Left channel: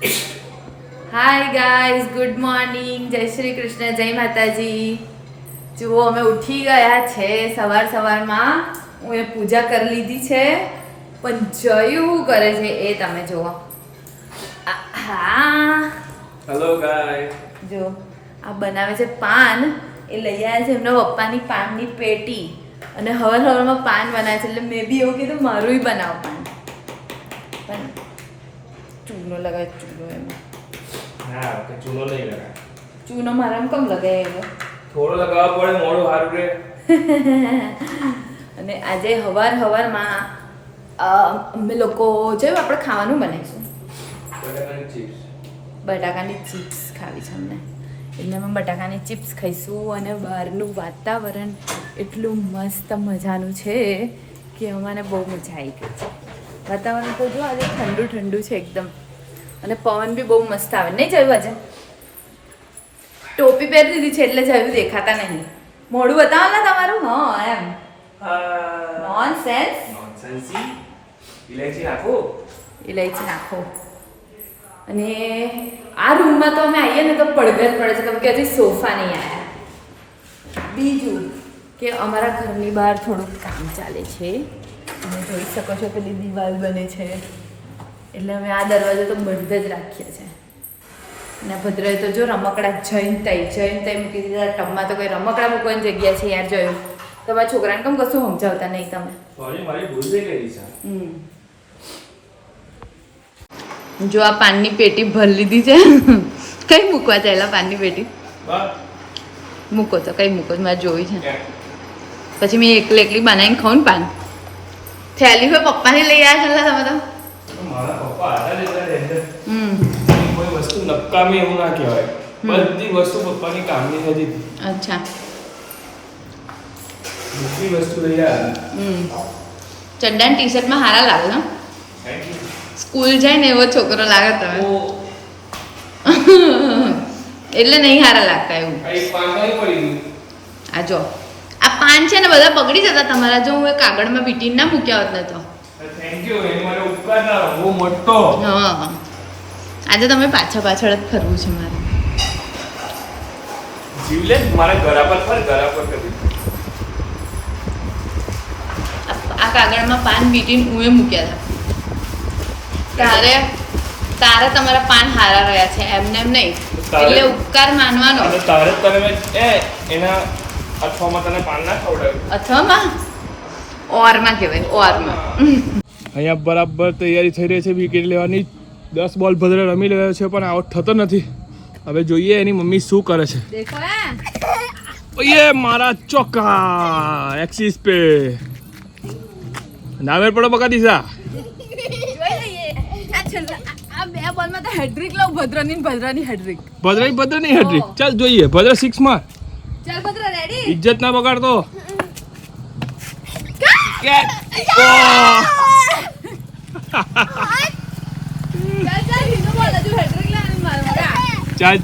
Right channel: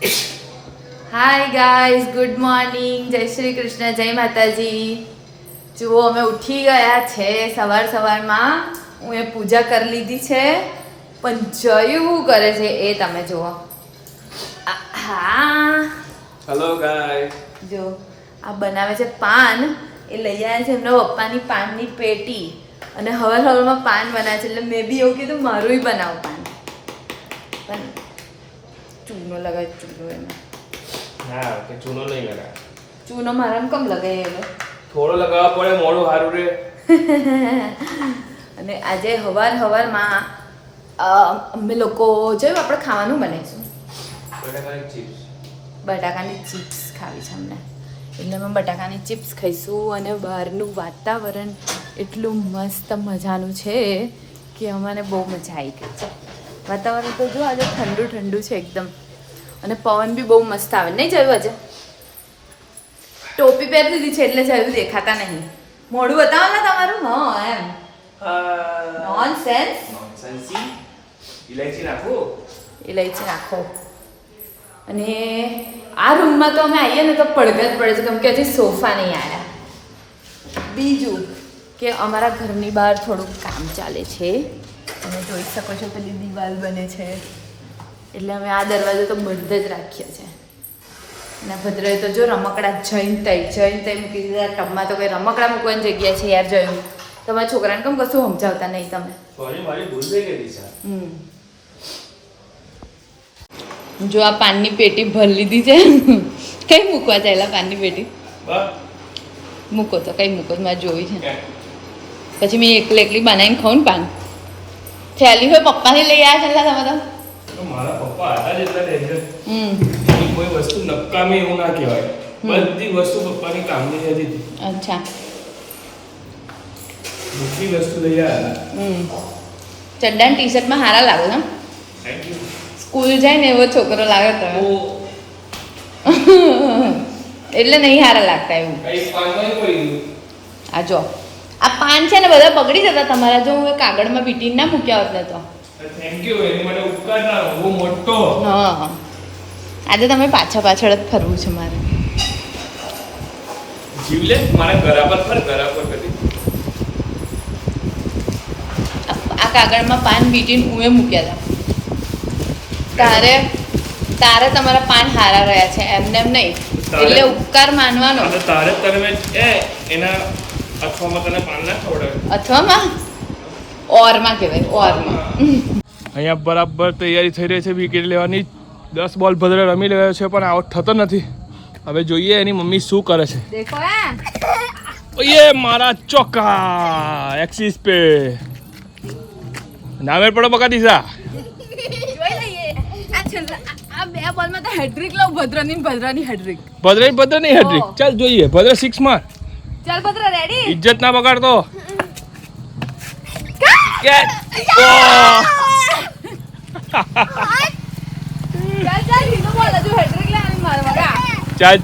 Hi guys, good morning, જય શ્રી કૃષ્ણ, જય માતાજી. જુઓ અમે ઉઠી ગયા છે સવારમાં. હું એ પૂજા કરી લીધી છે, પણ જયું કરે છે એ તમે જુઓ. હા હેલો ગાઈસ. જો આ બનાવે છે પાન. એ લઈ આવ્યા છે એમના પપ્પાની પાનની પેટી, અને હવારમાં પાન બનાવે છે. એટલે મેં બી એવું કીધું મારું બનાવ પાન, પણ ચૂનો લગાવે. ચૂનો એમાં હા કે ચૂનો નહીં લગાવ. ચૂનો મારામાં કમ લગાય એવો થોડો લગાવવા પડે, મોડું સારું રે. અને આજે હવારમાં અમે લોકો જોયું આપણે ખાવાનું બનાવીશું. બટાકાની ચિપ્સ ખાવી છે અમને, એટલે અમે બટાકાની ચિપ્સ ખાઈશું. અને બહારનું વાતાવરણ એટલું મસ્ત મજાનું છે કે અમને બહુ મજા આવી ગઈ છે. વાતાવરણ તો જો આજે ઠંડુ ઠંડુ છે એકદમ, અને પવન બી બહુ મસ્ત આવે. નહીં જોયું આજે? ટોપી પહેરી દીધી છે એટલે જોયું દેખાતા નહીં. મોઢું બતાવો ને તમારું. હા એમ નોનસેન્સ. ઇલાયચી નાખો. ઇલાયચી નાખો. અને આ રૂમમાં તો અમે આવીએ ને તો પડઘા જ પડે છે, કેમ કે હજી સોફા નહીં આવ્યા. બીજું કે અમારા ઘરની બહાર થોડુંક કામ ચાલે છે, તમે જોઈ શકો છો. પેલી દિવાલ બને છે, એટલે અમે આ દરવાજો તો બંધ જ રાખીએ છીએ. અને ભદ્રએ તો જો રમકડા જઈને તઈ મૂકી દીધા. ટબમાં તો કોઈ રમકડા મૂકવાની જગ્યા છે યાર. જોયું તમારા છોકરાને કેમ કશું સમજાવતા નહીં તમે? જો આ પાનની પેટી ભરી લીધી છે. કઈ મૂકવા ચાલ્યા પાનની પેટી? મૂકો તો કઈ મૂકો, મેં જોઈ છે. પછી મેં એકલી બનાવીને ખાઉં ને પાન. થેલી હોય પપ્પાને લઈ આવ્યા છે તમે તો. મારા પપ્પા હતા જ એટલા ડેન્જર. કોઈ વસ્તુ નકામી એવું ના કહેવાય. બધી વસ્તુ પપ્પાની કામની હતી. અચ્છા, બધી વસ્તુ લઈ આવ્યા. ચડ્ડા ટી શર્ટમાં સારા લાગે ને. Thank you. સ્કૂલ જાય ને એવો છોકરો લાગે તો. એટલે નહીં સારા લાગતા એવું. કઈ પાનમાં પડી ગયું. આ જો આ પાન છે ને બધા બગડી જતા તમારા. જો હું એ કાગળમાં વીંટીને ના મૂક્યા હોત ને તો. Thank you. એની માટે ઉપકાર ના બહુ મોટો. હા, આજે તમે પાછળ જ ફરવું છે મારે. જીવલે મારા ગળા પર ફર, ગળા પર કરી. આ કાગળમાં પાન વીંટીને હું એ મૂક્યા હતા. તારે તમારા પાન હારા રહ્યા છે, એમને એમ નહીં. એટલે ઉપકાર માનવાનો. અને તારે તને એના અથવામાં તને પાન ના ખવડાવ્યું. અથવામાં ઓરમાં કહેવાય, ઓરમાં. અહીંયા બરાબર તૈયારી થઈ રહી છે વિકેટ લેવાની. 10 બોલ ભદ્ર રમી રહ્યો છે, પણ આઉટ થતો નથી. હવે જોઈએ એની મમ્મી શું કરે છે. દેખો ઓયે મારા ચોકા એક્સિસ પે નામે પડો બકા દીસા. જોઈ લઈએ. આ બે બોલમાં તો હેડ્રિક લઉં. ભદ્રની હેડ્રિક. ભદ્રની હેડ્રિક. ચાલ જોઈએ. ભદ્ર 6 માં. ચાલ ભદ્ર, રેડી? ઇજ્જત ના બગાડતો.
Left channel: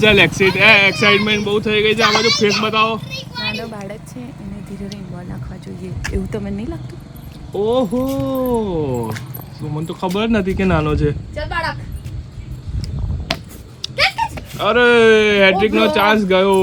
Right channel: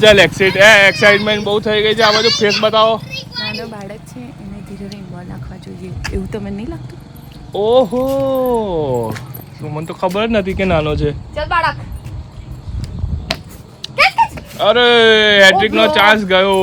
ચાલ એક્સાઇટમેન્ટ બહુ થઈ ગઈ છે. આ બધું ફેસ બતાવો. નાનો બાળક છે, એને ધીરે ધીરે બોલ નાખવા જોઈએ, એવું તમને નહીં લાગતું? ઓહો, મને તો ખબર જ નથી કે નાનો છે. ચાલ બાળક. અરે હેટ્રિક નો ચાન્સ ગયો.